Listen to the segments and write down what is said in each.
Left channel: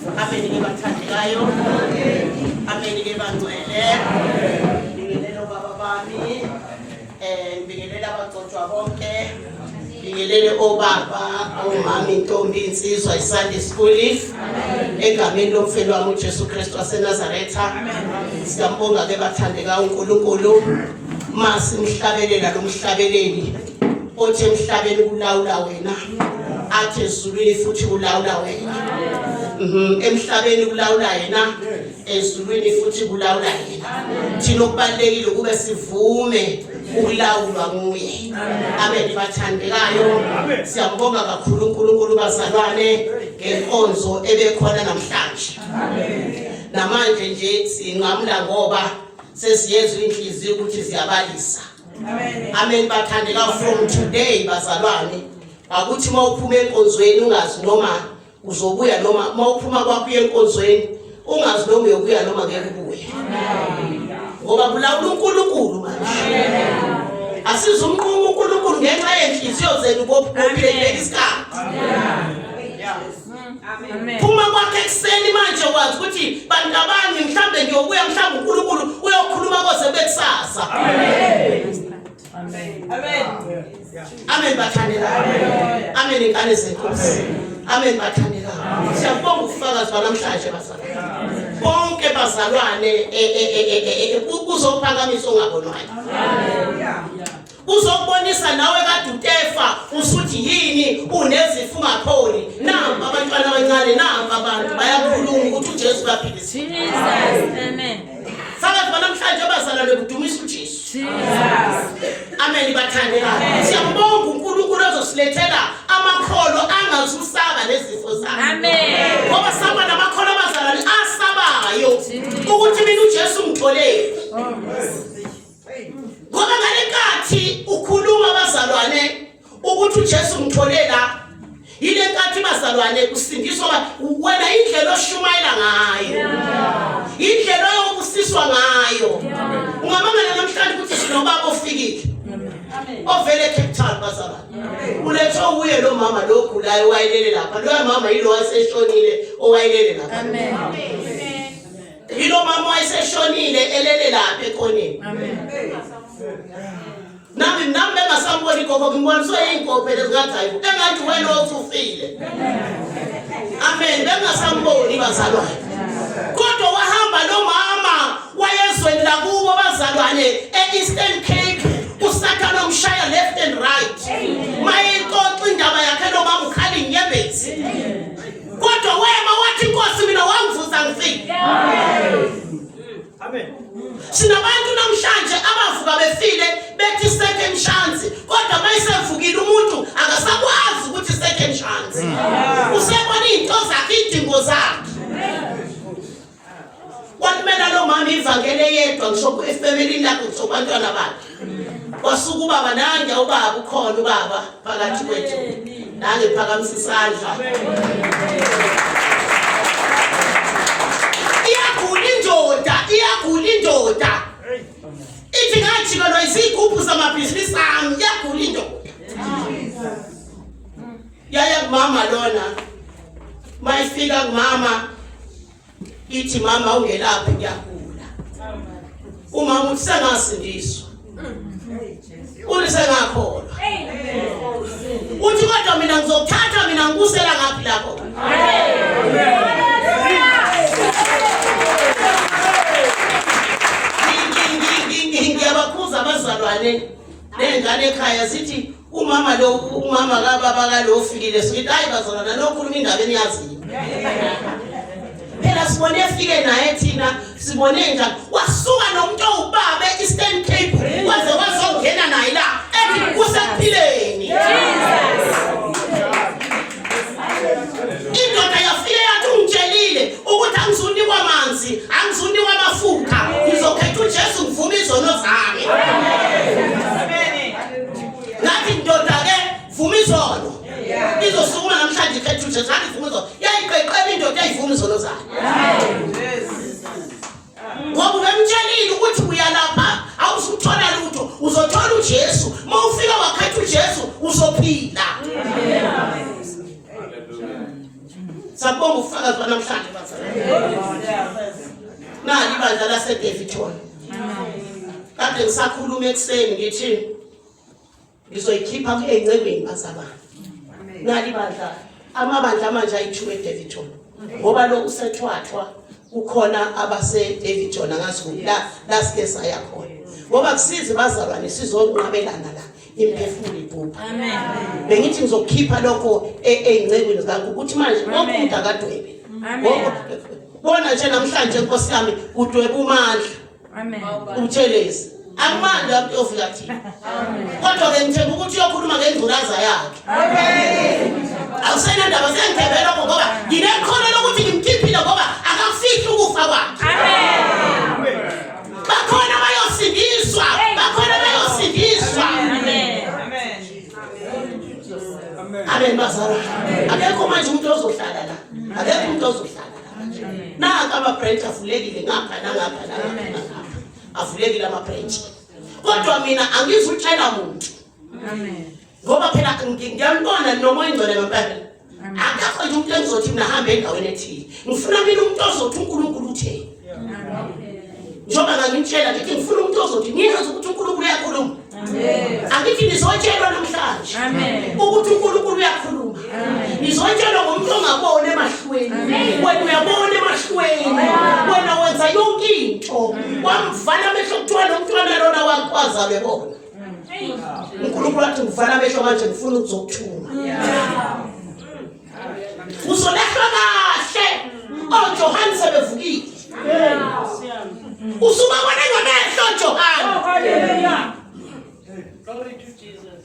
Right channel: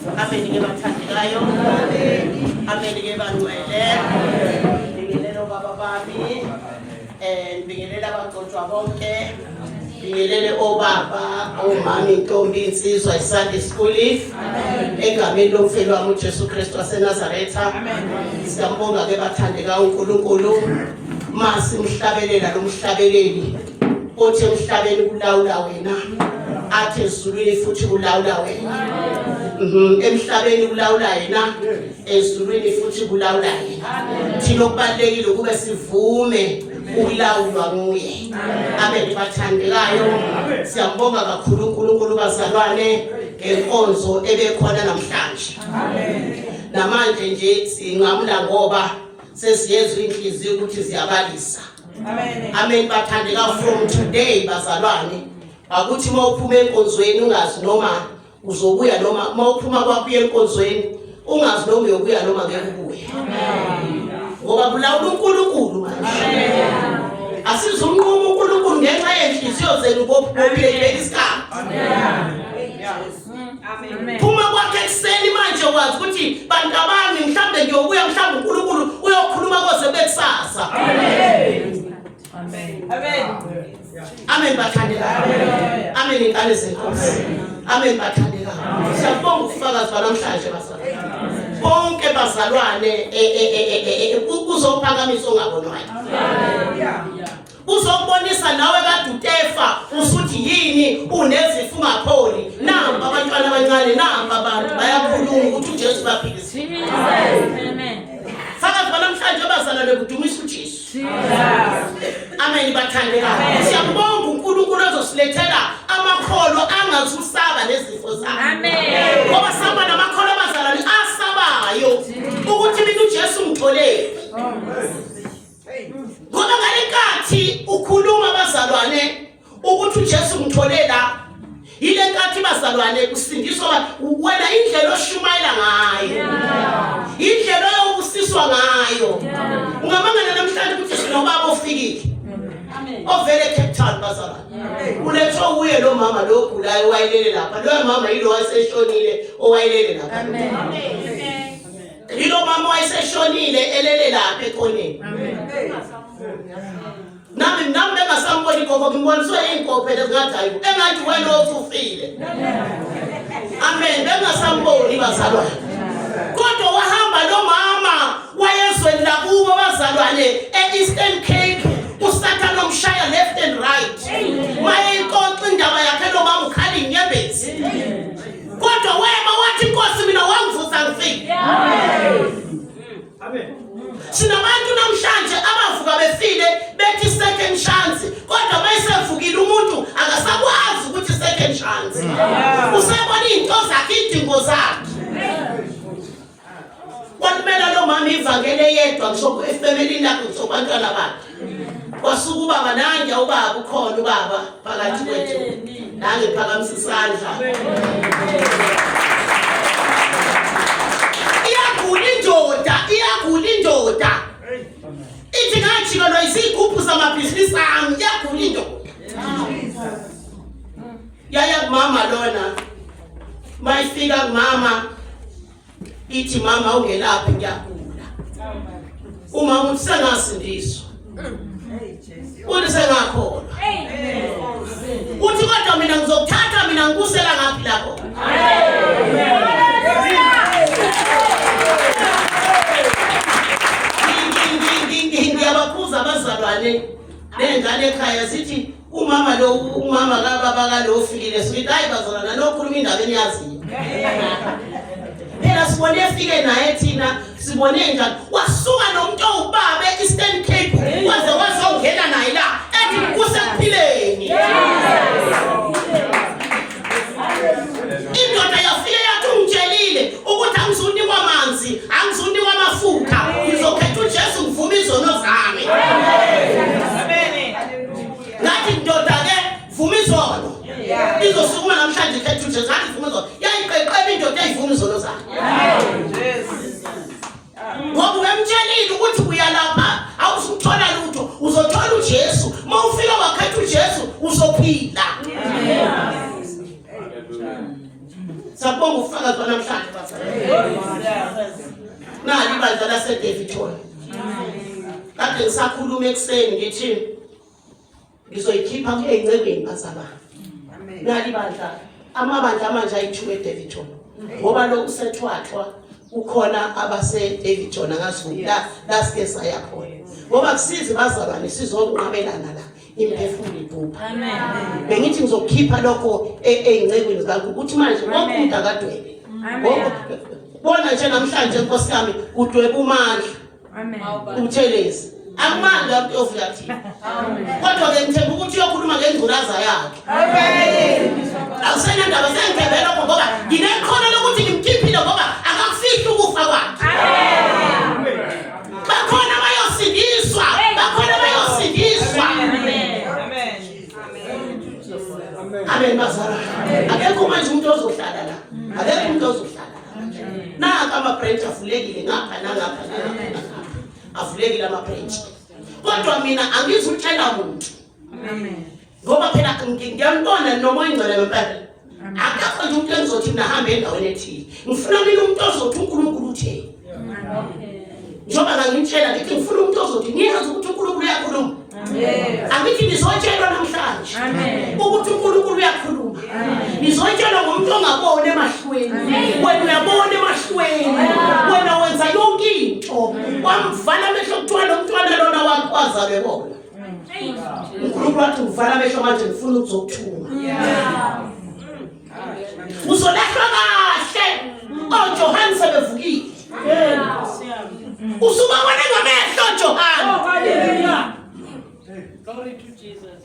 Amen ke bathandekayo. Amen ke bangcwele. Ngibingelela baba bami. Ngibingelela abagcotshwa bonke. Ngibingelele obaba, omama, intombi, insizwa iSunday School. Egameni lomfelo wami uJesu Kristu waseNazaretha. Siyambonga ke bathandekayo uNkulunkulu. Masi mhlabelela lo mhlabeleli. Othi emhlabeni kulawula wena. Athi ezulwini futhi kulawula wena. Emhlabeni kulawula yena, ezulwini futhi kulawula yena. Thina okubalekile ukube sivume ukulawulwa nguye. Amen bathandekayo. Siyambonga kakhulu uNkulunkulu bazalwane ngenkonzo ebekhona namhlanje. Namanje nje singamla ngoba sesiyezwe inhliziyo ukuthi siyabalisa. Amen bathandeka from today bazalwane. Akuthi mawuphuma enkonzweni ungazi noma uzobuya noma mawuphuma kwakho enkonzweni ungazi noma uyobuya noma ngeke ubuye. Ngoba kulawula uNkulunkulu manje. Asizumnqumo uNkulunkulu ngenxa yenhliziyo zenu bophile isikhathi. Phuma kwakhe ekseni manje wazi ukuthi bantu abami mhlambe ngiyobuya mhlambe uNkulunkulu uyokhuluma koze bekusasa. Amen bathandeka. Amen inkane zenkosi. Amen bathandeka. Siyabonga ukufakaza namhlanje bazalwane. Bonke bazalwane uzophakamisa ongabonwayo. Uzobonisa nawe kade utefa usuthi yini unezifo ungapholi. Namba abantwana abancane namba abantu bayakhuluma ukuthi uJesu baphilisa. Amen. Fakaza namhlanje bazalwane kudumisa uJesu. Amen bathandeka. Siyabonga uNkulunkulu ozosilethela amakholo angazusaba nezifo zakhe. Amen. Ngoba saba namakholo bazalwane asabayo ukuthi mina uJesu ngitholele. Ngoba ngalenkathi ukhuluma bazalwane ukuthi uJesu ngitholela ile nkathi bazalwane kusindiswa wena indlela oshumayela ngayo. Indlela yobusiswa ngayo. Ungamangala namhlanje ukuthi sinobaba ofikile. Ovele Cape Town bazalwane. Ulethwa uye lo mama lo ogulayo wayelele lapha. Lo mama yilo waseshonile owayelele lapha. Amen. Yilo mama wayeseshonile elele lapha ekhoneni. Amen. Nami bengasamboni gogo ngimboniswe inkophe lezingathi hayi engathi wena othufile. Amen bengasamboni bazalwane. Kodwa wahamba lo mama wayezweni lakubo bazalwane eEastern Cape uSathane umshaya left and right. Maye inkonzo indaba yakhe lo mama ukhala inyembezi. Kodwa wema wathi Nkosi mina wangivusa ngifike. Amen. Sinabantu namhlanje abavuka befile bethi second chance kodwa mayisevukile umuntu akasakwazi ukuthi second chance. Usebona into zakhe idingo zakhe. Kwakumela lo mama ivangele yedwa ngisho efamily yakhe ngisho abantwana bakhe. Kwasuka ubaba nange ubaba ukhona ubaba phakathi kwethu. Nange phakamisa isandla. Iyagula indoda. Ithi ngathi lo izigubhu zamabhizinisi ami iyagula indoda. Yaya kumama lona. Mayifika kumama ithi mama ungelaphi ngiyagula. Umama uthi sengasindiswa. Ulisengakholwa. Uthi kodwa mina ngizokuthatha mina ngikusela ngaphi lapho. Ngiyabakhuza abazalwane nengane ekhaya sithi umama kababa kalo ofikile sithi hayi bazalwane lo khuluma indaba eniyaziyo. Phela sibone efike naye thina sibone njani wasuka nomuntu owubaba eEastern Cape waze wazongena naye la ethi kusekuphileni. Indoda yafike yathi ungitshelile ukuthi angizunikwa amanzi angizunikwa amafutha ngizokhetha uJesu ngivuma izono zami. Ngathi indoda ke vuma izono. Izosukuma namhlanje ikhetha uJesu ngathi vuma izono. Yayiqeqeba indoda eyivuma izono zayo. Ngoba umtshelile ukuthi uyalapha awuzuthola lutho uzothola uJesu Siyabonga ufakazi namhlanje bazalwane. Nali ibandla laseDaveyton. Kade ngisakhuluma ekseni ngithi ngizoyikhipha encebeni bazalwane. Nali ibandla amabandla amanje ayithuke eDaveyton. Ngoba lo usethwathwa ukhona abase-Daveyton angazi la sike saya khona. Ngoba kusizi bazalwane sizonqabelana la imphefumulo iphupha. Amen. Bengithi ngizokhipha lokho ezincebeni zakho ukuthi manje wonke akadwebe. Ngoba bona nje namhlanje Nkosi yami udwebe umandla. Amen. Umthelezi. Akumandla umuntu ofika thina. Amen. Kodwa ke ngithemba ukuthi uyokhuluma ngengculaza yakhe. Amen. Awusena ndaba sengithembela lokho ngoba nginekhono lokuthi ngimkhiphile ngoba akafihli ukufa kwakhe. Amen. Bakhona bayosindiswa, bakhona bayosindiswa. Amen. Amen bazalwane. Akekho manje umuntu ozohlala la. Akekho umuntu ozohlala la. Naka ama-branch avulekile ngapha nangapha nangapha. Avulekile ama-branch. Kodwa mina angizutshela umuntu. Amen. Ngoba phela ngiyambona noma ingcwele ngempela. Akakho nje umuntu engizothi mina hambe endaweni ethile. Ngifuna mina umuntu ozothi uNkulunkulu utheni. Njoba ngangitshela ngithi ngifuna umuntu ozothi niyazi ukuthi uNkulunkulu uyakhuluma. Angithi nizotshelwa namhlanje ukuthi uNkulunkulu uyakhuluma. Nizotshelwa ngomuntu ongabona emahlweni. Wena uyabona emahlweni. Wena wenza yonke into. Wamvala amehlo kuthiwa lo mntwana lona wakwazalwe bona. uNkulunkulu wathi ngivala amehlo manje ngifuna ukuzokuthunga. Uzolahlwa kahle. Johani sebevukile. Usubabona ngamehlo Johani. Hallelujah. Glory to Jesus.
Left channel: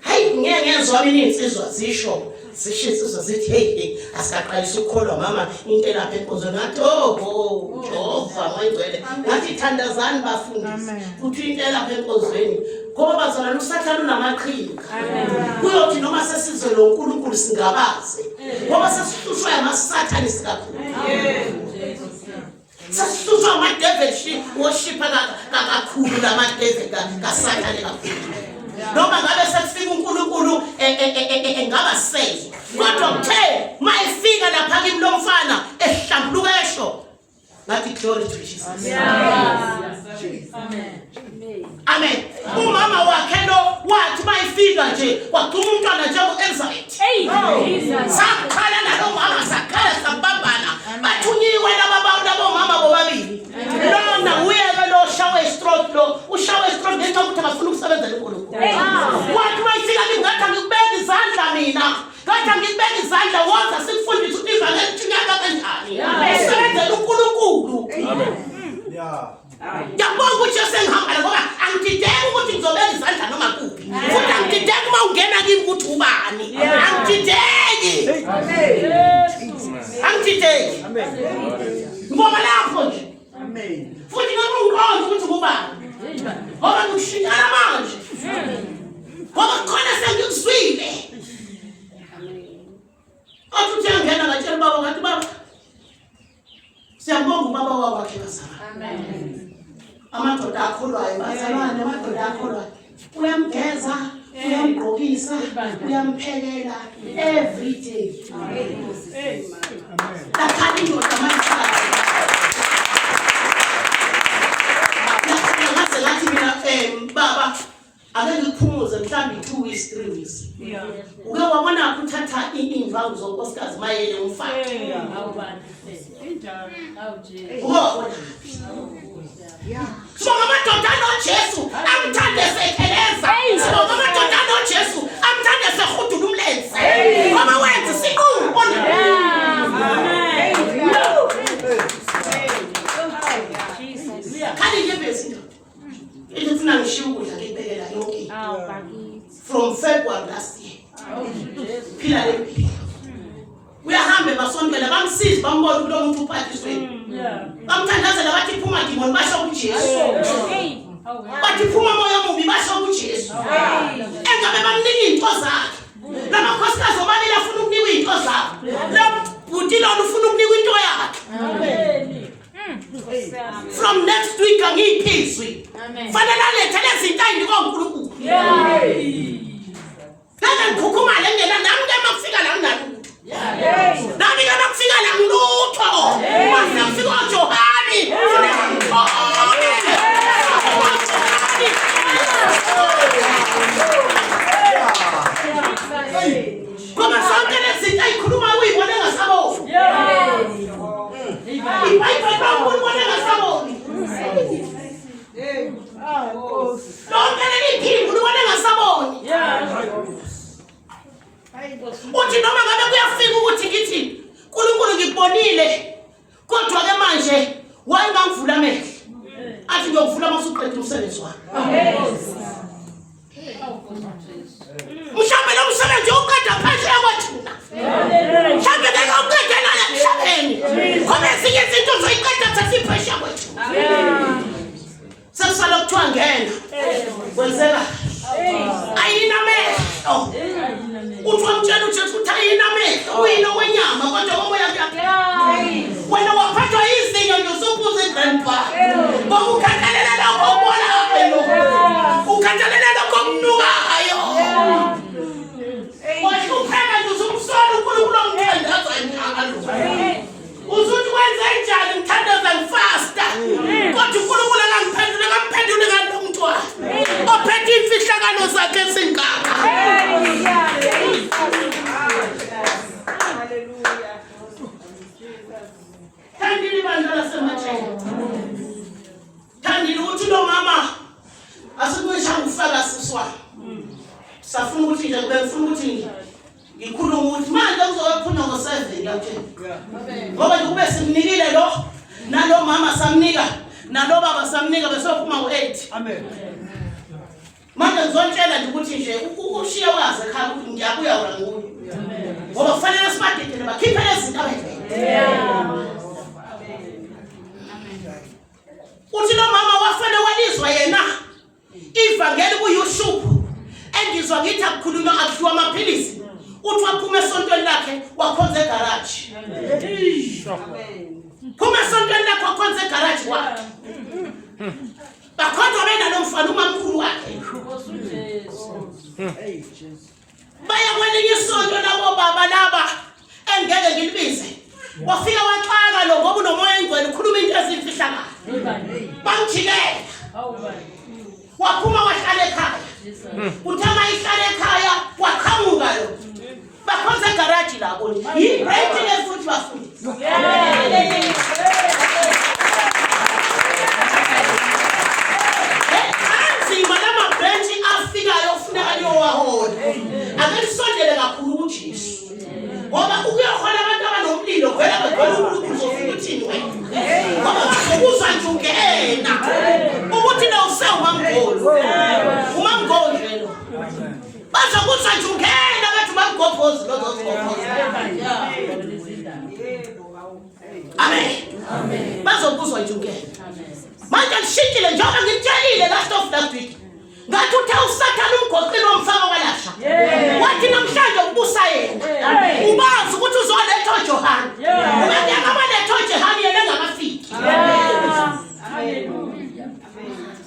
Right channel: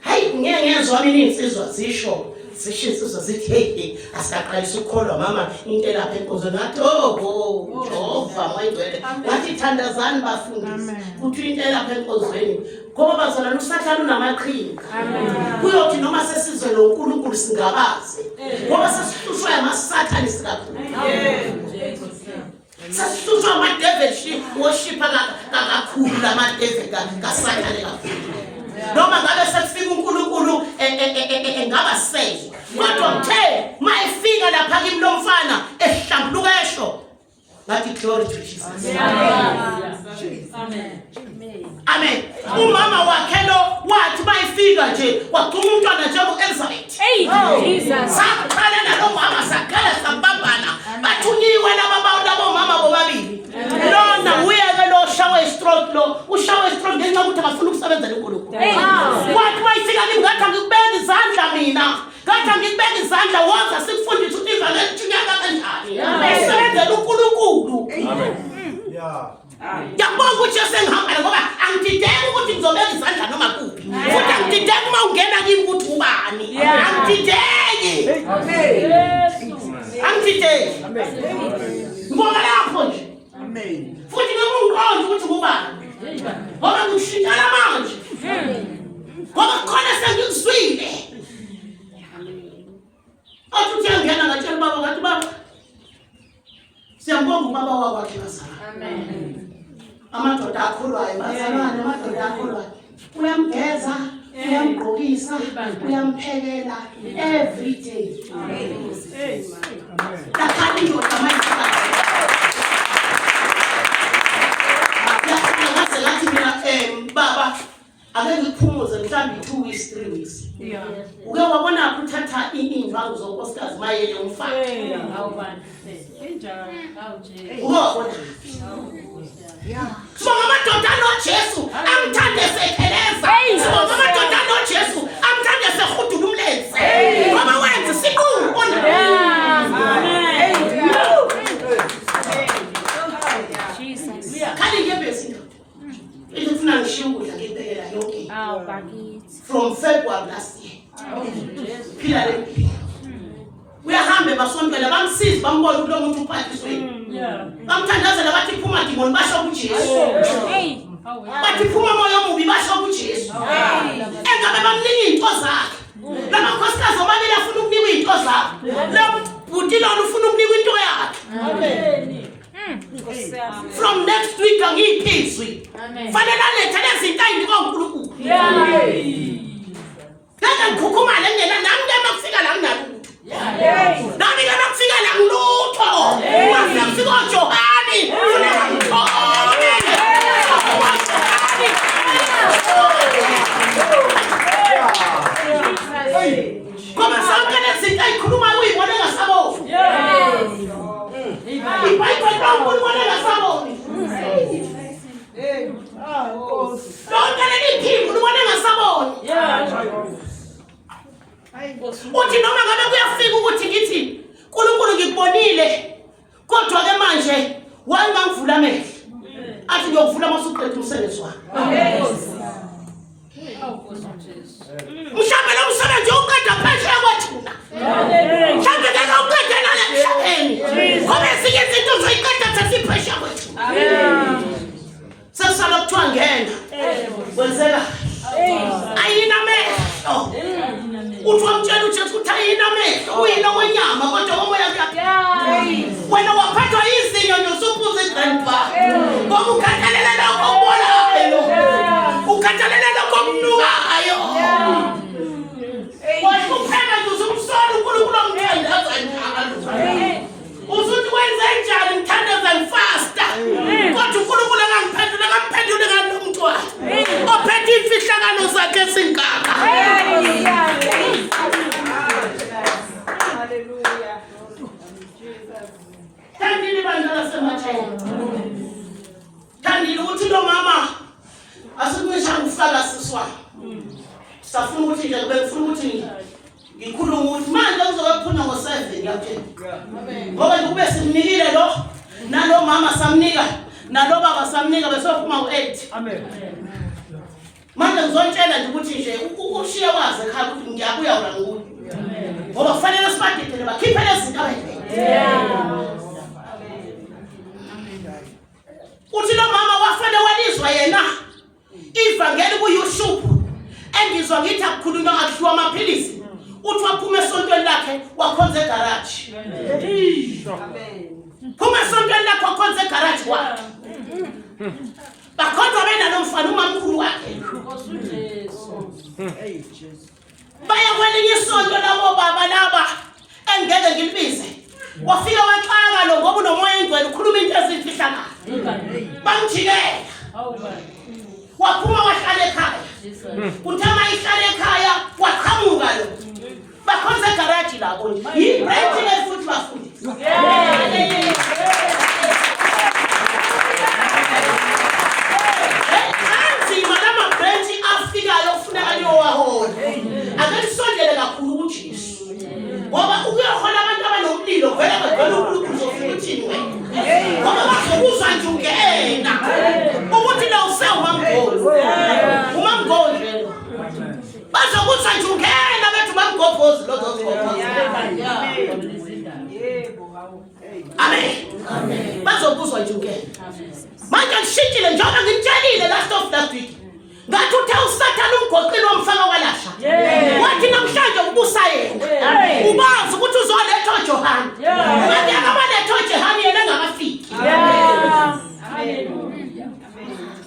Hayi ngiyengezwa mina insizwa zisho zishisizwa zithi hey asaqalisa ukukholwa mama into lapha enkonzweni ngathi Jehova mayingcwele ngathi thandazani bafundisi kuthi into lapha enkonzweni ngoba bazalana usathana unamaqhinga kuyothi noma sesizwe lo uNkulunkulu singabaze ngoba sesihlushwa yamasathani sikakhulu. Sasihlushwa amadevil worship kakhulu lamadevil kasathane kakhulu. Noma ngabe sekufika uNkulunkulu engaba sezwe kodwa uthe mayifika lapha kimi lo mfana ehlambuluka esho ngathi glory to Jesus. Amen. Amen. Umama wakhe lo wathi mayifika nje wagcuma umntwana nje ku-Elizabeth. Jesus. Sakhala nalo mama sakhala sabambana bathunyiwe labo mama bobabili. Lona uyeke lo shower stroke lo ushower stroke ngenxa ukuthi akafuna ukusebenzela uNkulunkulu. Wathi mayifika kimi ngathi ngikubeka izandla mina. Ngathi ngikubeka izandla woza sikufundisa ukuthi ivangeli lijunyaka kanjani. Usebenzela uNkulunkulu. Yeah. Yabonga ukuthi sengihambile ngoba angidideki ukuthi ngizobeka izandla noma kuphi. Futhi angidideki uma ungena kimi ukuthi ubani. Angidideki. Angidideki. Ngoba lapho nje. Amen. Futhi noma ungiqonda ukuthi kubani. Ngoba ngishintshana manje. Ngoba khona sengikuzwile. Athi uyangena ngatshela baba ngathi baba siyambonga ubaba wakwakhe bazalwane. Amen. Amadoda akholwayo bazalwane amadoda akholwayo uyamgeza uyamgqokisa uyamphekela every day. Amen. Lakhani indoda mayifaka lakhani ngase ngathi mina baba ake ngiphumuze mhlambi 2 weeks 3 weeks. Uke wabona ukuthatha imvangu zonkosikazi mayele umfana. Awubani. Ubona. Sibonga amadoda noJesu amthande sekheleza. Sibonga amadoda noJesu amthande sehudula umlenze. Ngoba wenza siqumbo. Khali ngiyebezi ndoda. Ngifuna ngishiye ukudla ngibekela yonke. From February last year. Phila lempilo. Uyahambe basontela bamsiza bambona kulo muntu uphathiswe. Bamthandazela bathi phuma demon basho kuJesu. Bathi phuma moya omubi basho kuJesu. Engabe bamnika into zakhe. Lamakhosikazi omabili afuna ukunika into zakhe. Lo buti lo ufuna ukunika into yakhe. From next week angiyiphizwi. Fanele alethe lezinto ayindiko uNkulunkulu. Nami ngikhukhumala ngena nami ngema kufika la nginakuthi. Nami ngema kufika la ngibonile kodwa ke manje wayengangivula amehlo athi ngiyokuvula masuqeda umsebenzi wami mhlawumbe lo msebenzi uqeda phesheya kwathina mhlawumbe ngeke uqede lana emhlabeni ngoba ezinye izinto uzoyiqeda sesiphesheya kwathina sesisala kuthiwa ngena kwenzeka ayinamehlo uthi wamtshela uJesu ukuthi ayinamehlo uyino wenyama kodwa ngomoya wena waphathwa izinyo nosuphuza igrandpa ngoba ukhathalela lokho okubonayo ukhathalela lokho okunukayo wahlupheka nje usumsola uNkulunkulu omthandaza njalo usuthi wenze njani ngithandaza ngifasta kodwa uNkulunkulu angangiphendula akamphendule kanti umntwana ophethe imfihlakalo zakhe singaka Thandile bandla sematheni thandile ukuthi lo mama asikuncisha ngifaka siswana safuna ukuthi nje kube ngifuna ukuthi ngikhuluma ukuthi manje kuzokuphuma ngo7 ngiyatshela ngoba nje kube simnikile lo nalo mama samnika nalo baba samnika besophuma ngo8 amen manje ngizotshela nje ukuthi nje ukushiya waze ekhaya ukuthi ngiyabuya ula nguwe ngoba kufanele sibadedele bakhiphe lezi zinto abayivele uthi lo mama wafane walizwa yena ivangeli kuYouTube engizwa ngithi akukhulunywa akudliwa amaphilisi uthi waphuma esontweni lakhe wakhonza egarage phuma esontweni lakhe wakhonza egarage wakhe bakhonza bena lo mfana umamkhulu wakhe baya kwelinye isonto labo baba laba engeke ngilibize wafika waxaka lo ngoba unomoya engcwele ukhuluma into ezimfihlakala bamjikela waphuma wahlala ekhaya uthama ihlala ekhaya waqhamuka lo bakhonza egarage labo yibreak lefuthi bafuthi anzima lama branch afikayo ufuneka niyowahola akalisondele kakhulu kuJesu ngoba ukuyohola abantu abanomlilo vele ngivela uNkulunkulu uzofika uthini wena ngoba bazokuzwa nje ungena ukuthi lo usewumangolo umangolo lo bazokuzwa nje ungena bethu bamgobhozi lozozigobhoza amen bazokuzwa nje ungena manje ngishintshile njengoba ngitshelile last week ngathi uthe uSathane umgoqile wamfaka kwalasha wathi namhlanje ukubusa yena ubazi ukuthi uzoletha uJohana ngathi akabaletha uJohana yena engakafiki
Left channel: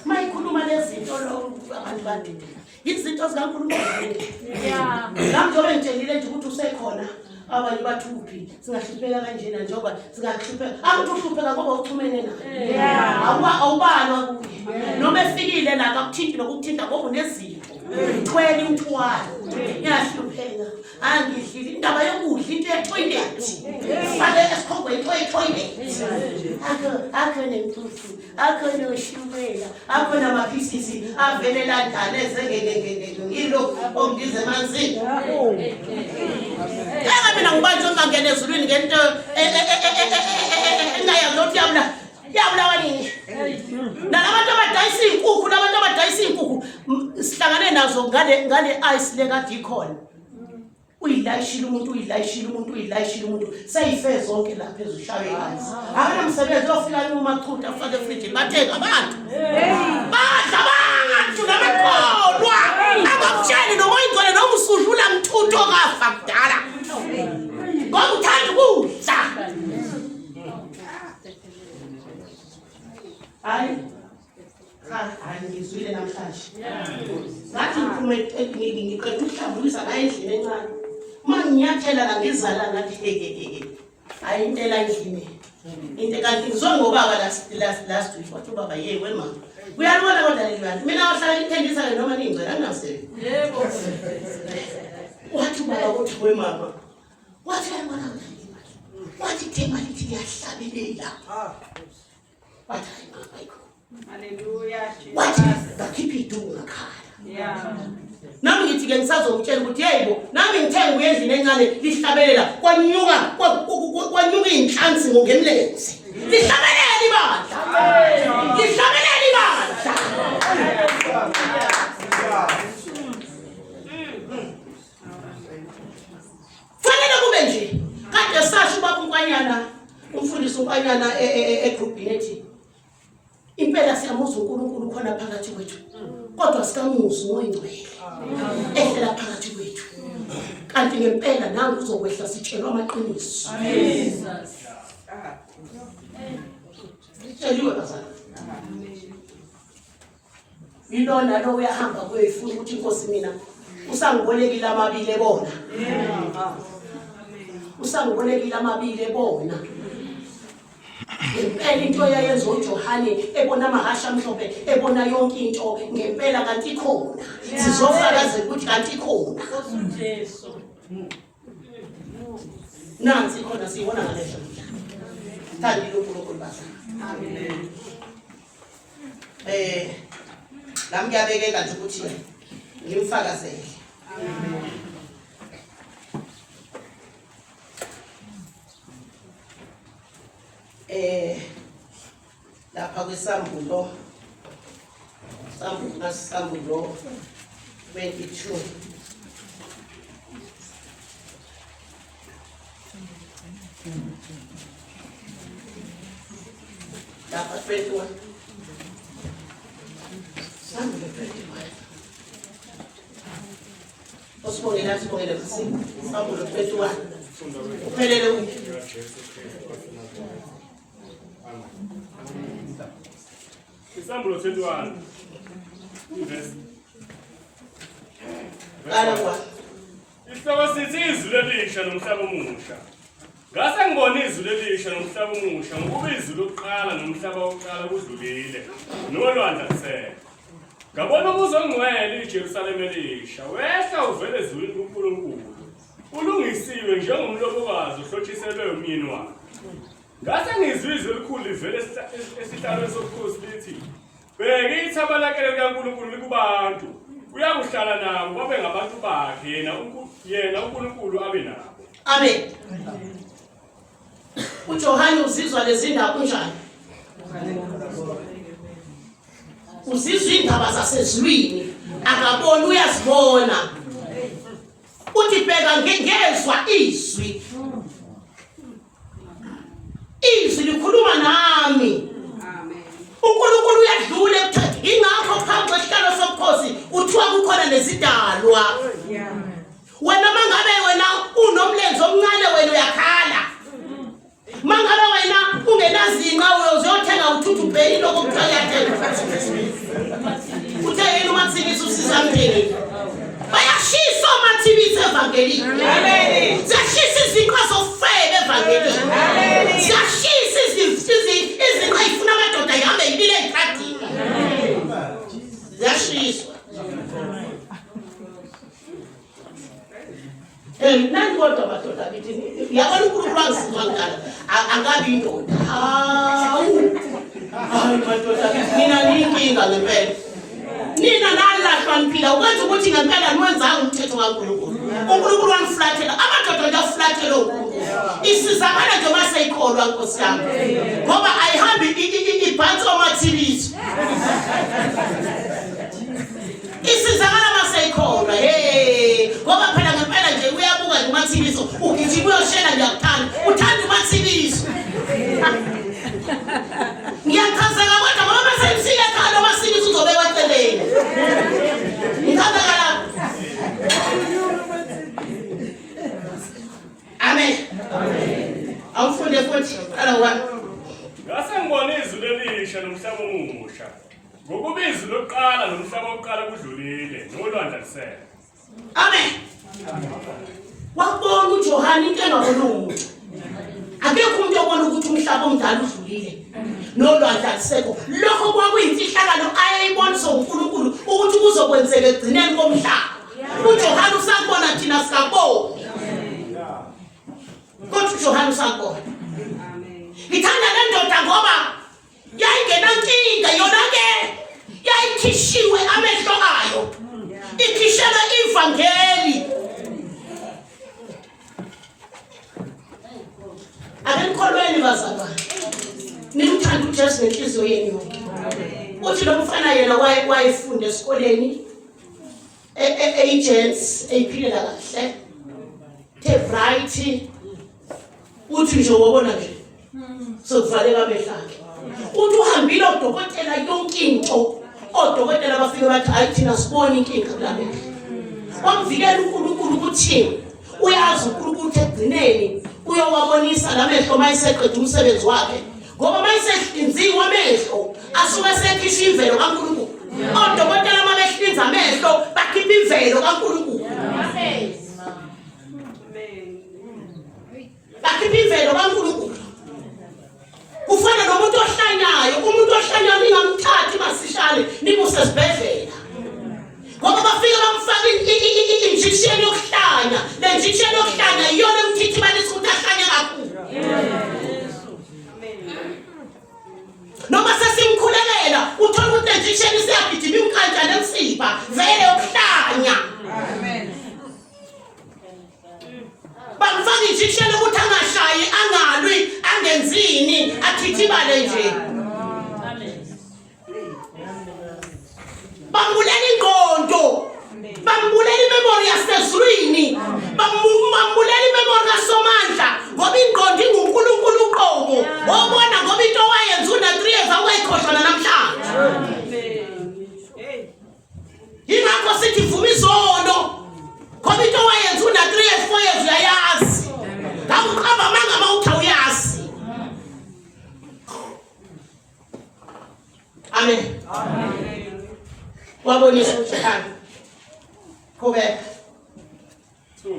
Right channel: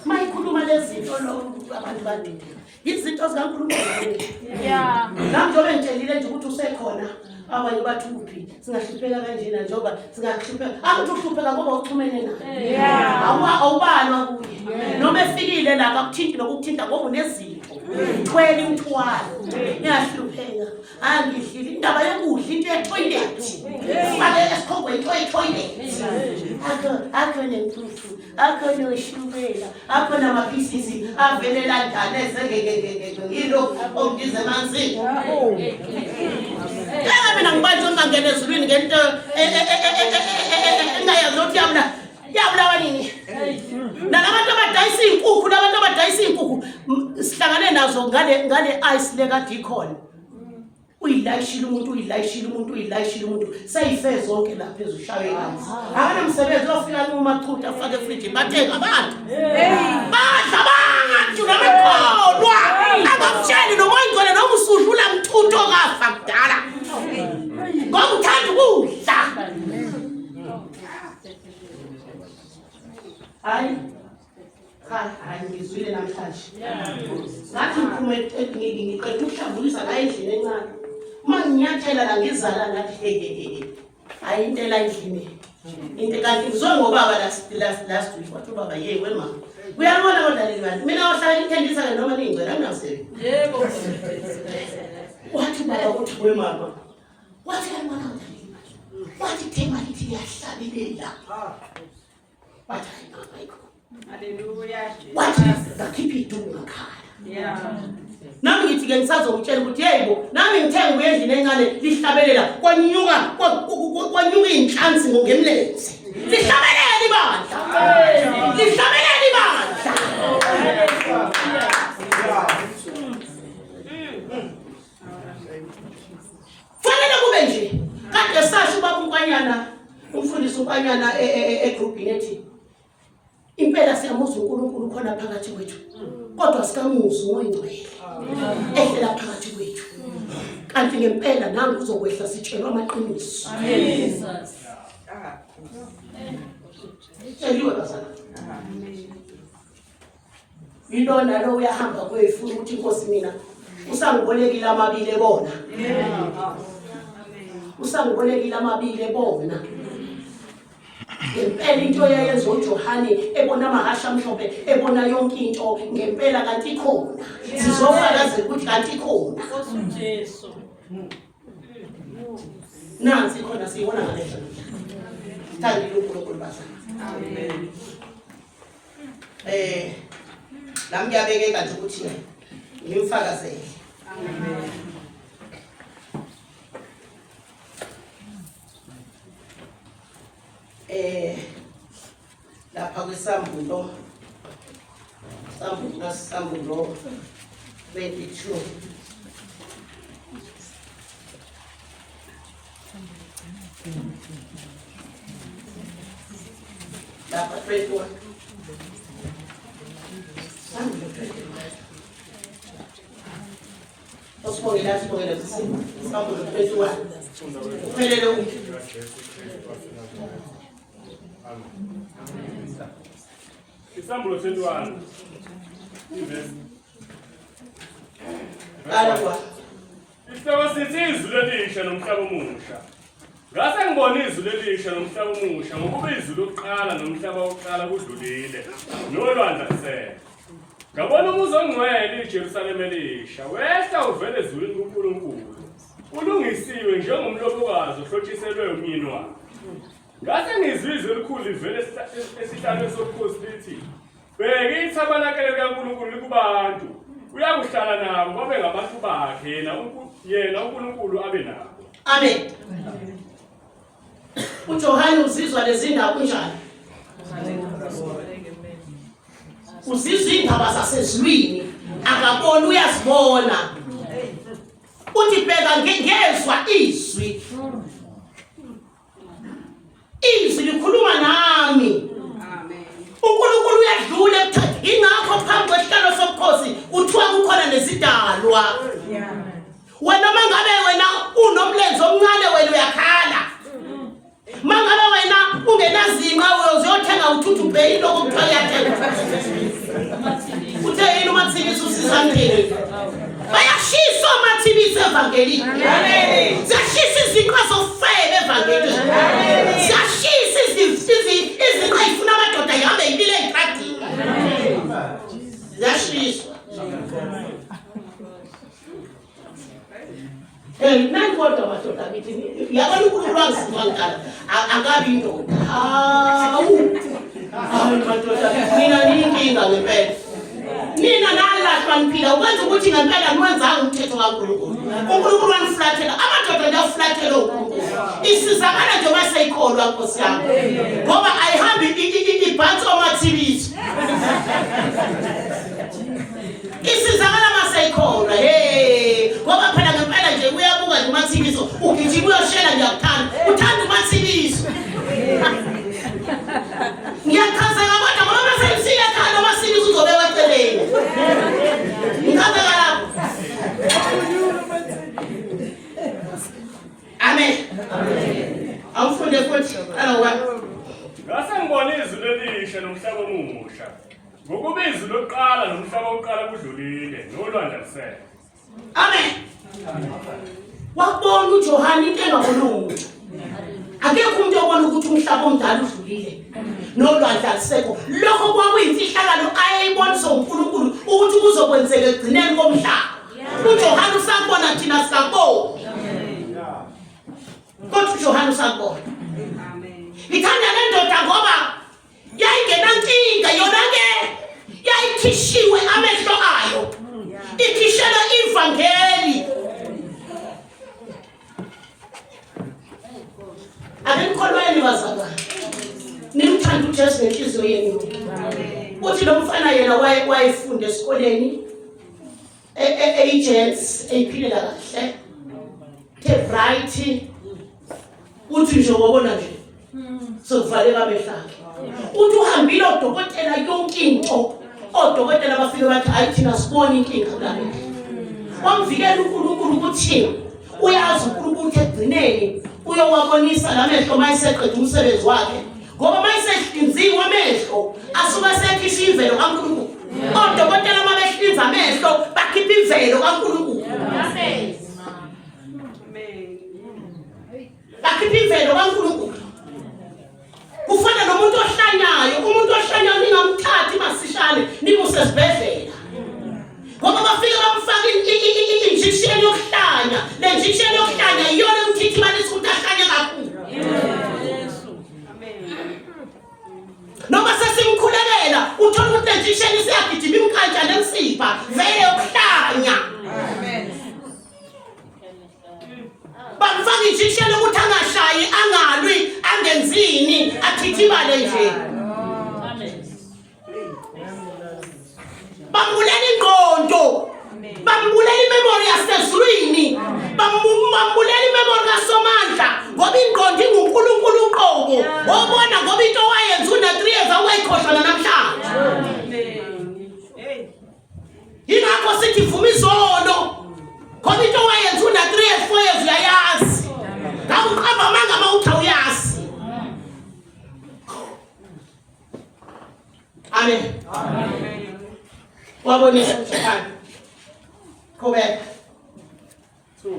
mayikhuluma lezi zinto lo abantu badidela izinto zikaNkulunkulu nami njengoba ngitshelile nje ukuthi usekhona abanye bathi uphi singahlupheka kanjena njengoba singahlupheka akuthi uhlupheka ngoba uxhumene naye awubalwa kuye noma efikile la akuthinti nokuthinta ngoba unezipho thwele umthwalo yahlupheka angidlile indaba yokudla into etoilet fale esikhongweni toilet akho nemputhu akho noshukela akho namapisisi avelela njani ezengeke yilo ongize manzi mina ngibanjwe ngangena ezulwini ngento engayazi ukuthi yabulawa nini nalabantu abadayisa inkukhu nabantu abadayisa inkukhu sihlangane nazo ngale ice le kade ikhona uyilayishile umuntu seyife zonke lapha phezulu shawe hansi akanamsebenzi ofika umachutha afake efridge bathenga abantu badla abantu namakholwa abamtsheli noma ingcole noma usudlula mthutho kafa kudala ngoba uthanda ukudla hayi ngizwile namhlanje ngathi ngiqeda ukuhlambulisa la endlini encane uma nginyathela la ngizala ngathi hayi intela endlini into kanti ngizongobaba last week wathi ubaba yeke mama uyalibona kodwa leli mina wahlala ngithendisa ke noma ningcela anginasebenzi yebo wathi ubaba uthi mama wathi ayibona kodwa wathi thema lithi liyahlabelela wathi mama ayikho haleluya wathi ngakhipha idunga ekhaya nami ngithi ke ngisazongitshela ukuthi yebo nami ngithenga uyendlini encane lihlabelela kwanyuka inhla phansi ngemlenze. Lihlabelele ibandla. Lihlabelele ibandla. Fanele kube nje. Kade sasho ubaba uNkwanyana, umfundisi uNkwanyana egroupini ethi impela siyamuza uNkulunkulu khona phakathi kwethu. Kodwa sikamuzi ngoyingcwele. Ehlela phakathi kwethu. Kanti ngempela nangu uzokwehla sitshelwa amaqiniso. Jesus. Sitsheliwe bazana. Yilona lo uyahamba kwefuna ukuthi inkosi mina usangibolekile amabili bona. Usangibolekile amabili bona. Ngempela into yayenza uJohane ebona amahasha amhlophe ebona yonke into ngempela kanti ikhona. Sizofakaza ukuthi kanti ikhona. Jesu. Nansi khona siyibona ngalehlo. Thandile uNkulunkulu bazana. Amen. Nami ngiyabekeka nje ukuthi ngimfakazele. Amen. Lapha kwesambulo sambulo 22 lapha 21 sambulo 21 osibongela kusimo sambulo 21 uphelele Isambulo 21 verse Alwa Isihloko sithi izulu elisha nomhlaba omusha. Ngase ngibona izulu elisha nomhlaba omusha ngokuba izulu lokuqala nomhlaba wokuqala kudlulile nolwandle kusele. Ngabona umuzi ongcwele iJerusalema elisha wehla uvele ezulwini kuNkulunkulu. Ulungisiwe njengomlobokazi ohlotshiselwe umyeni wakhe. Ngase ngizwe izwi elikhulu livele esihlalweni sobukhosi lithi, bheka ithabalakele likaNkulunkulu likubantu, uyakuhlala nabo babe ngabantu bakhe, yena uNkulunkulu abe nabo. Amen. uJohane uzizwa lezi ndaba kunjani? Uzizwa indaba zasezulwini, akabona uyazibona. Uthi bheka ngezwe izwi. Izwi likhuluma nami. Amen. uNkulunkulu uyadlula ekuthatheni ingakho phambi kwesihlalo sobukhosi uthiwa kukhona nezidalwa. Wena mangabe wena unomlenze omncane wena uyakhala. Mangabe wena ungenazinqa uyozothenga uthuthu bheki lokuthiwa yathenga. Uthe yini umathibisi usiza mtheni? Bayashisa omathibisi evangelini. Amen. Ziyashisa izinqa zofebe evangelini. Amen. Ziyashisa izinqa ifuna amadoda yahambe impilo ey'qadini. Ziyashisa. Nani kodwa madoda bithi yabona uNkulunkulu wangizwa ngikhala angabi indoda. Hayi madoda mina niyinkinga ngempela. Nina nalahlwa niphila ukwenza ukuthi ngempela niwenzanga umthetho kaNkulunkulu. uNkulunkulu wangiflathela amadoda nje uflathela uNkulunkulu. Isizakala nje maseyikholwa Nkosi yami. Ngoba ayihambi ibhansi omathibisi. Isizakala maseyikholwa. Ngoba phela ngempela nje uyabuka nje umathibiso ugijima uyoshela ngiyakuthanda. Uthanda umathibiso. Ngiyakhazeka kodwa ngoba maseyisile ekhaya umathibiso uzobe weceleni. Ngikhazeka lapho. Amen. Amen. Awufunde futhi alowa. Ngase ngibona izulu elisha nomhlaba omusha. Ngokuba izulu lokuqala nomhlaba wokuqala kudlulile nolwandle lusele. Amen. Wakubona uJohane into engabona umuntu. Akekho umuntu obona ukuthi umhlaba omdala udlulile nolwandle alusekho. Lokho kwakuyimfihlakalo ayeyibonisa uNkulunkulu ukuthi kuzokwenzeka egcineni komhlaba. uJohane usakubona thina sikaboni. Kodwa uJohane usakubona. Amen. Ithanda le ndoda ngoba yayingenankinga yona ke yayikhishiwe amehlo ayo. Ikhishela ivangeli. ake nikholweni bazalwane nimthanda uJesu ngenhliziyo yenu yonke. Uthi lo mfana yena wayefunda esikoleni agents eyiphilela kahle the bright uthi nje wabona nje sokuvaleka behlakhe. Uthi uhambile udokotela yonke into odokotela bafike bathi hayi thina sibone inkinga kulale. Wamvikela uNkulunkulu ukuthi uyazi uNkulunkulu ekugcineni uyowabonisa lamehlo mayiseqedwe umsebenzi wakhe ngoba mayisehlinziwe amehlo asuka sekhishwa imvelo kaNkulunkulu. Odokotela mabehlinza amehlo bakhipha imvelo kaNkulunkulu. Amen. Bakhipha imvelo kaNkulunkulu. Kufana nomuntu ohlanyayo, umuntu ohlanyayo ningamthathi masishane nimuse esibhedlela. Ngoba bafike bamfaka injection yokuhlanya. Le injection yokuhlanya iyona emthithimanisa ukuthi ahlanye kakhulu. Noma sesimkhulelela uthola ukuthi le injection isiyagijima imkhantsha nemsipha vele ukuhlanya. Bamfaka injection ukuthi angashayi, angalwi, angenzini, athithibale nje. Bambulela ingqondo, bambulela imemory yasezulwini, bambulela imemory kaSomandla ngoba ingqondo inguNkulunkulu uqobo. Wabona ngoba into wayenza una 3 years awayikhohlwa namhlanje. Ingakho sithi vuma izono ngoba into wayenza una 3 years 4 years uyayazi. Ngakuqamba manga mawuthi uyazi. Amen. Wabonisa uthando. Qhubeka.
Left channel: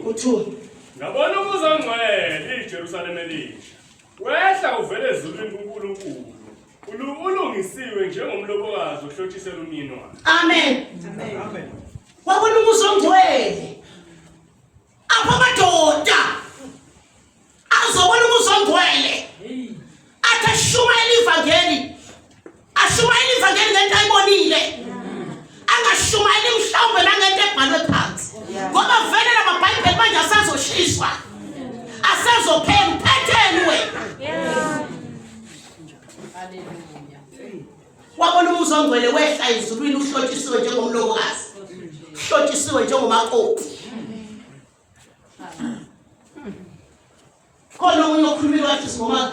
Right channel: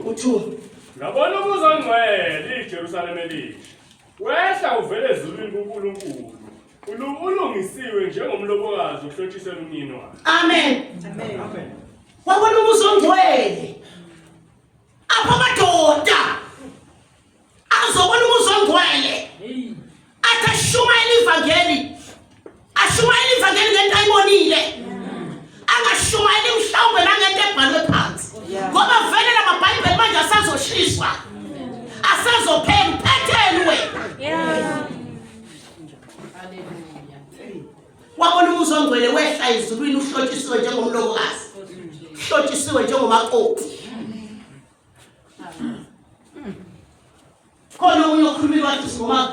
Uthu. Ngabona umuzi ongcwele iJerusalem elisha. Wehla uvele ezulwini kuNkulunkulu. Ulungisiwe njengomlobokazi ohlotshisela umyeni wakhe. Amen. Amen. Wabona umuzi ongcwele. Apha madoda. Azobona umuzi ongcwele. Athashumayela ivangeli. Ashumayela ivangeli ngento ayibonile. Angashumayeli mhlawumbe nangento ebhalwe phansi. Ngoba vele lamaBhayibheli manje asazoshiswa. Asazophela uphetheni wena. Wabona umuzi ongcwele wehla ezulwini uhlotshisiwe njengomlobokazi. Uhlotshisiwe njengomakoti. Khona umunye okhulumile wathi kuthiwa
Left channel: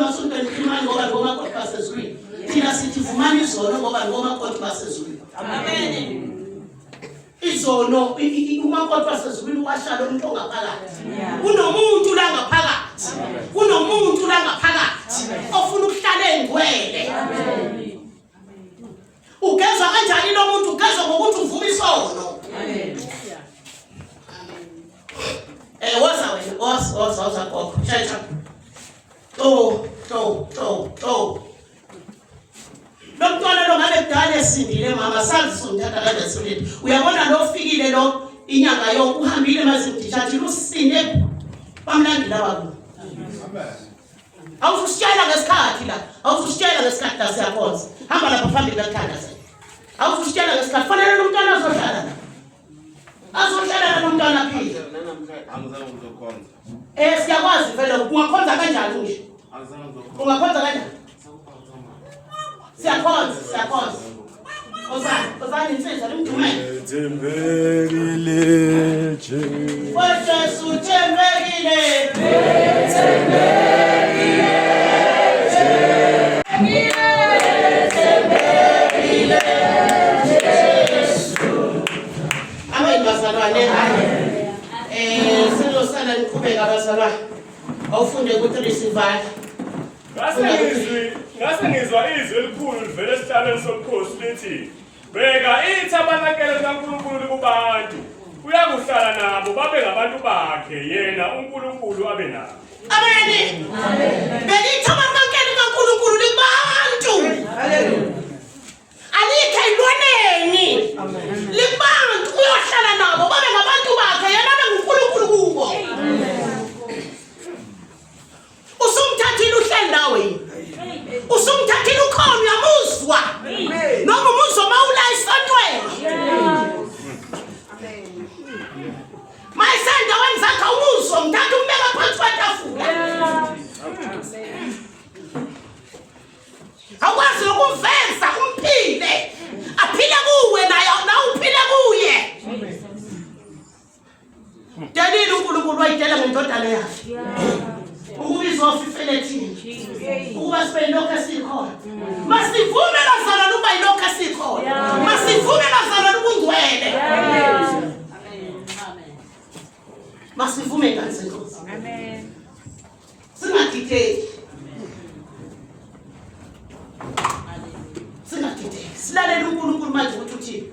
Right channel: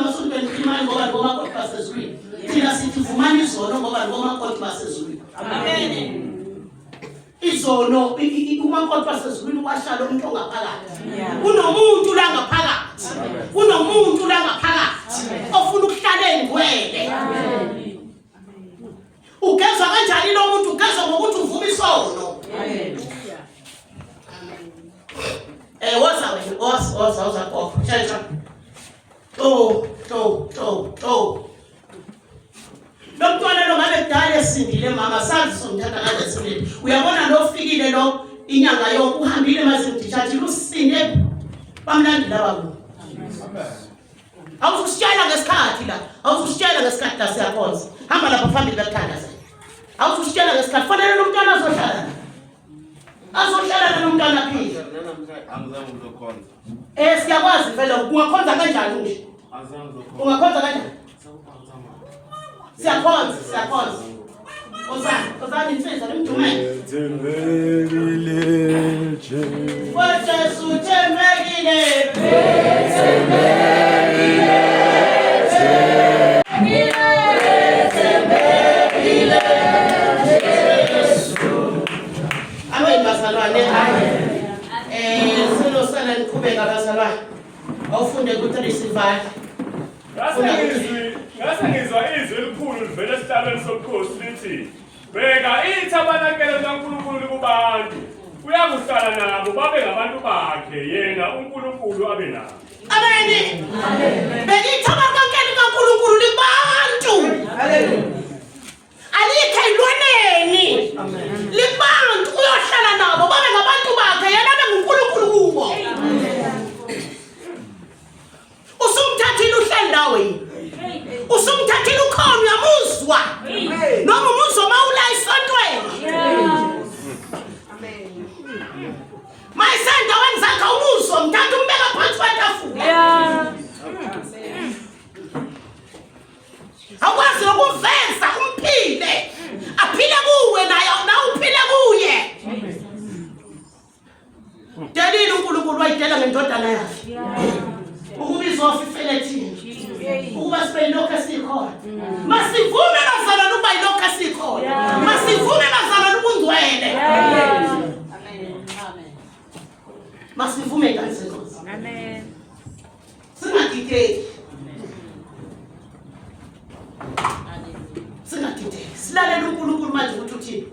masontweni imali ngoba ngomakoti basezulwini. Thina sithi vumani izono ngoba ngomakoti basezulwini. Amen. Izono umakoti basezulwini washala umuntu ongaphakathi. Unomuntu la ngaphakathi. Unomuntu la ngaphakathi ofuna ukuhlala engcwele. Ugezwa kanjani lo muntu? Ugezwa ngokuthi uvuma isono. Woza wena, woza gogo. Chacha. To. Lo mntwana lo ngabe kudala esindile mama sazi somthatha kade esilile. Uyabona lo ofikile lo inyanga yonke uhambile mazimdishathi lusinde bamlandela baku. Amen. Awusishayela ngesikhathi la. Awusishayela ngesikhathi la siyakhonza. Hamba lapha phambili bekuthandaza. Awusishayela ngesikhathi fanele lo mntwana azohlala. Azohlala nomntwana phila. Angizange ngizokhonza. Siyakwazi vele ungakhonza kanjani nje? Angizange ngizokhonza. Ungakhonza kanjani? Siyakhonza. Ozani insizwa limdumele. Thembekile nje. Jesu thembekile. Amen bazalwane. Silosana niqhubeka bazalwane. Awufunde ku3 sivale. Ngase ngizwa izwi elikhulu livela esihlalweni sobukhosi lithi, bheka ithabanakele likaNkulunkulu kubantu. Uyakuhlala nabo babe ngabantu bakhe yena uNkulunkulu abe nabo. Amen. Beka ithabanakele likaNkulunkulu libantu. Haleluya. Alikho elwaneni. Libantu uyohlala nabo babe ngabantu bakhe yena abe nguNkulunkulu kubo. Usumthathile uhleli nawe yini? Usumthathile ukhona uyamuzwa. Noma umuzwa mawula isontweni. Mayisanda wenzakha umuzwa mthatha umbeka phansi kwetafula. izofifele thina ukuba sibe yilokho esikhona. Masivume bazalwane ukuba yilokho esikhona. Masivume bazalwane ubungcwele. Amen. Masivume kanzima. Amen. Singadideki. Singadideki. Silalela uNkulunkulu manje ukuthi uthini.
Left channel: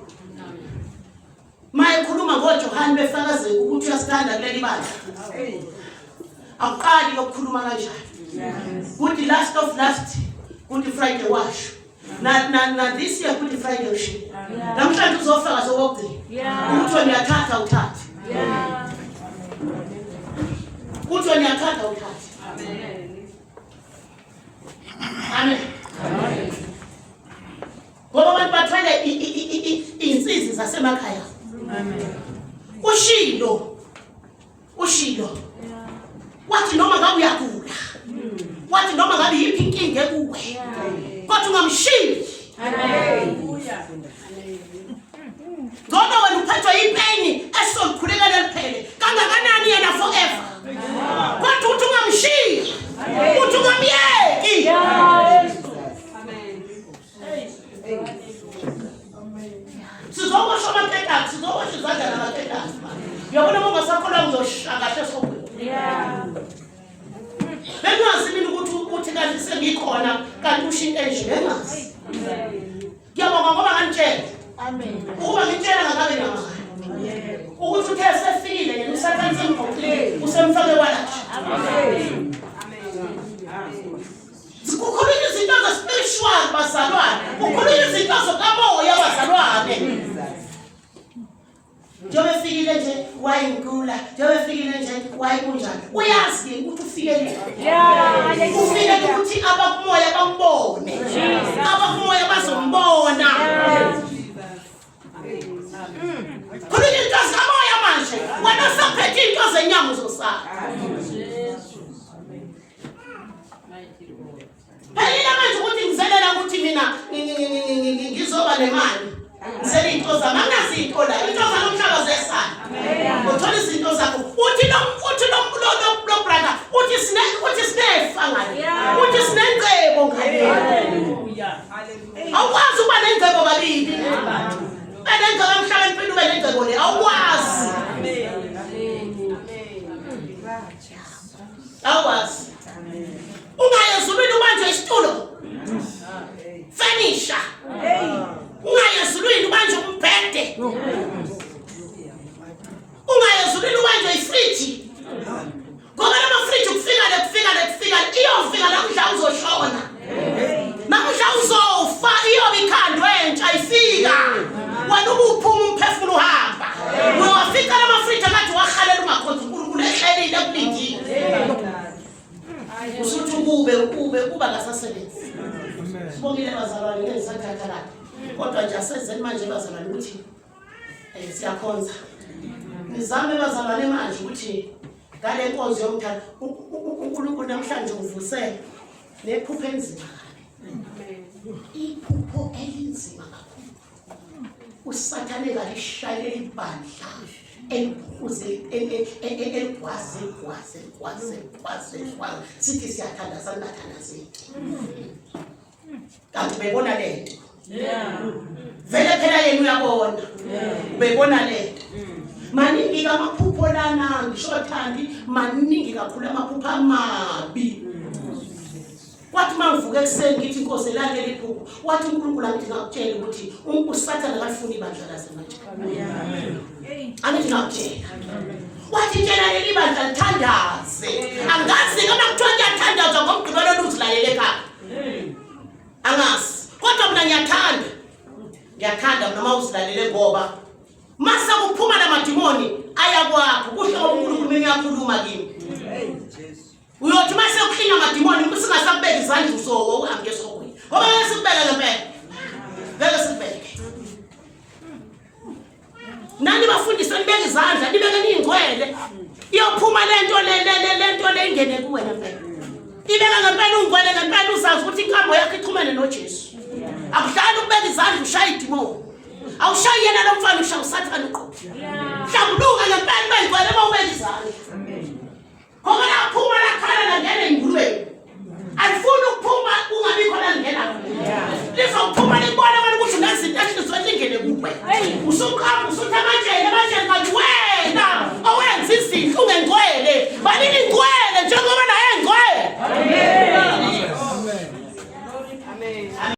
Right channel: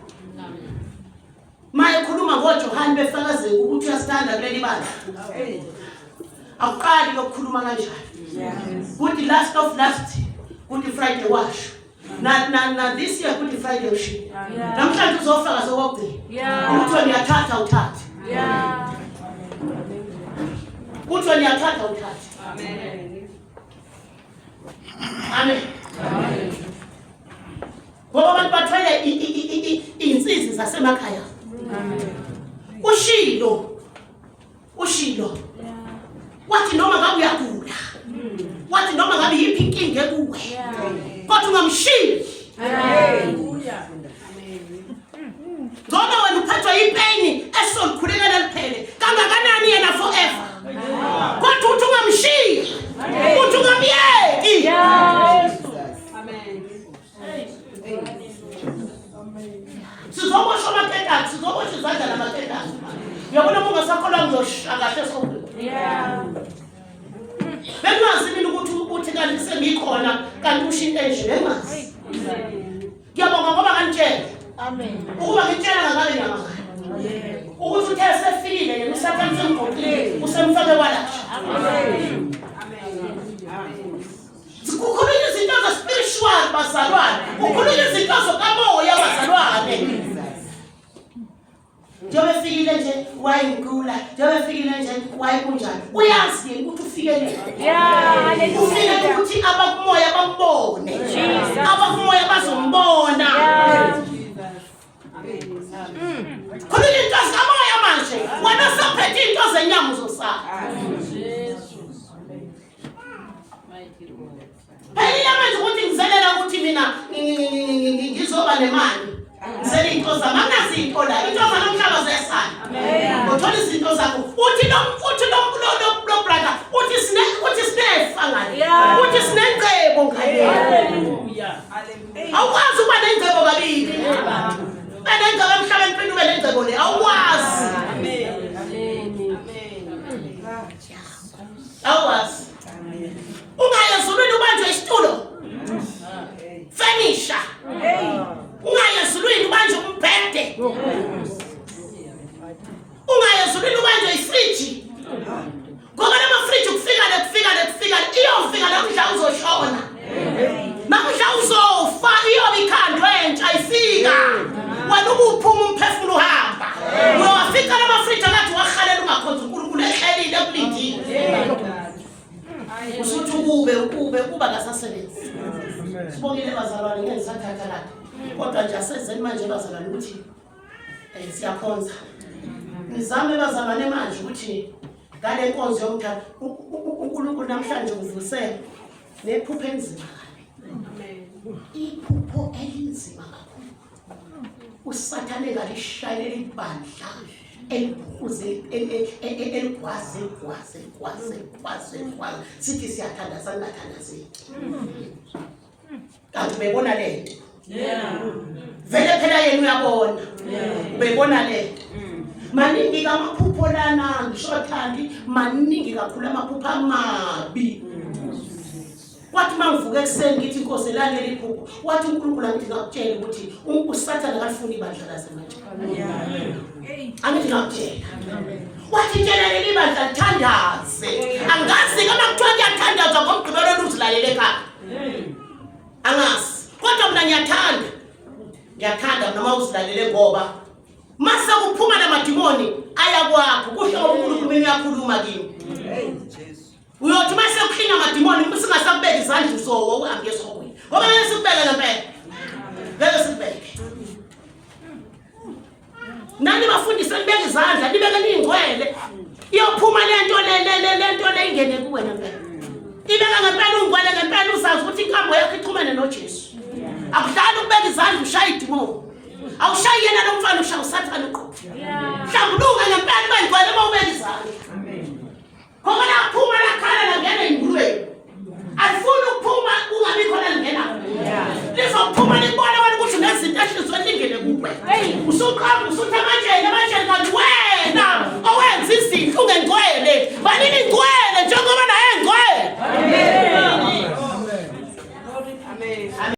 Maye khuluma ngoJohane befakazela ukuthi uyasithanda kuleli bandla. Akuqali lokukhuluma kanjalo. Good last of last, Good Friday wash. Na this year Good Friday wash. Namhlanje uzofaka sokugcina. Ukuthi ngiyathatha uthathe. Ukuthi ngiyathatha uthathe. Amen. Amen. Ngoba abantu bathwele insizwe zasemakhaya. Amen. Ushilo. Wathi noma ngabe uyagula. Wathi noma ngabe yiphi inkinga ekuwe. Kodwa ungamshiyi. Haleluya. Ngoba wena uphethwe yipain esolikhulekela liphele. Kangakanani yena forever. Kodwa uthi ungamshiyi. Uthi ungamyeki. Sizobosha amaketani, sizobosha izandla namaketani. Uyabona mongasakholwa ngiyoshakahle sokweni. Bengazi mina ukuthi kanti sengikhona kanti ushinto enje bengazi. Ngiyabonga ngoba kanitshela. Amen. Ukuba ngitshela ngakabe nyama. Ukuthi uthe sefikile yena usathana semgqokile usemfake kwalasha. Amen. Ukukhulunywa izinto ze-spiritual bazalwane, ukukhulunywa izinto zokamoya bazalwane. Njobe fikile nje wayingula, njobe fikile nje wayikunjani. Uyazi ukuthi ufikele. Ufike ukuthi abakumoya bambone. Abakumoya bazombona. Khulunywa into zikamoya manje, wena usaphethe into zenyama uzosala. Phela manje ukuthi ngizelela ukuthi mina ngizoba nemali. Ngizele into zami anginazinto la. Into zanomhlaba zesana. Uthola izinto zakho. Uthi lo brother uthi sinefa ngale. Uthi sinengcebo ngale. Haleluya. Awukwazi ukuba nengcebo kabili. Bena ingcebo emhlabeni phela ube nengcebo le. Awukwazi. Awukwazi. Ungayezulwini ubanjwe isitulo. Furniture. Ungayezulwini ubanjwe umbhede. Ungayezulwini ubanjwe ifriji. Ngoba lama fridge kufika iyofika la mhla uzoshona. Namhla uzofa iyobe ikhandwe entsha ifika. Wena ubuphuma umphefumulo uhamba. Uyafika lama fridge akathi wakhalela ungakhonza uNkulunkulu ehlelile kulindile. Usuthi kuba kasasebenzi. Sibongile bazalwane ngesathatha la. Kodwa nje asezeni manje bazalwane ukuthi siyakhonza. Nizame bazalwane manje ukuthi ngale nkonzo yomthando uNkulunkulu namhlanje uvusele nephupho enzima kabi. Iphupho elinzima kakhulu. Usathane ngalishayela ibandla eliphuze eligwaze sithi siyathandaza singathandazeki. Kanti ubebona lento. Vele phela yena uyabona. Ubebona lento. Maningi amaphupho lana ngisho thandi maningi kakhulu amaphupho amabi. Wathi mangivuke ekseni ngithi Nkosi lalela iphupho. Wathi uNkulunkulu angithi ngakutshela ukuthi uSathane akalifuni ibandla lasemanje. Angithi ngakutshela. Wathi tshela leli bandla lithandaze. Angazi kama kuthiwa ngiyathandaza ngomgqibelo uzilalele ekhaya. Angazi. Kodwa mina ngiyathanda noma uzilalele ngoba mase kuphuma namadimoni ayakwakho kuhle ngoba uNkulunkulu uyakhuluma kimi. Uyothi mase ukhinya amadimoni singasakubeka izandla usowo uhambe esokweni. Ngoba ngeke sikubeka ngempela. Ngeke sikubeke. Nani bafundisa nibeke izandla nibeke ningcwele. Iyophuma lento le ingene kuwena phela. Ibeka ngempela ungcwele ngempela uzazi ukuthi inkambo yakho ichumene noJesu. Akuhlali ukubeka izandla ushaya idimoni. Awushayi yena lo mfana ushaya uSathane uqobo. Hlambuluka ngempela bengcwele uma ubeka izandla. Amen. Ngoba laphuma lakhala langena ingcwele. Amen.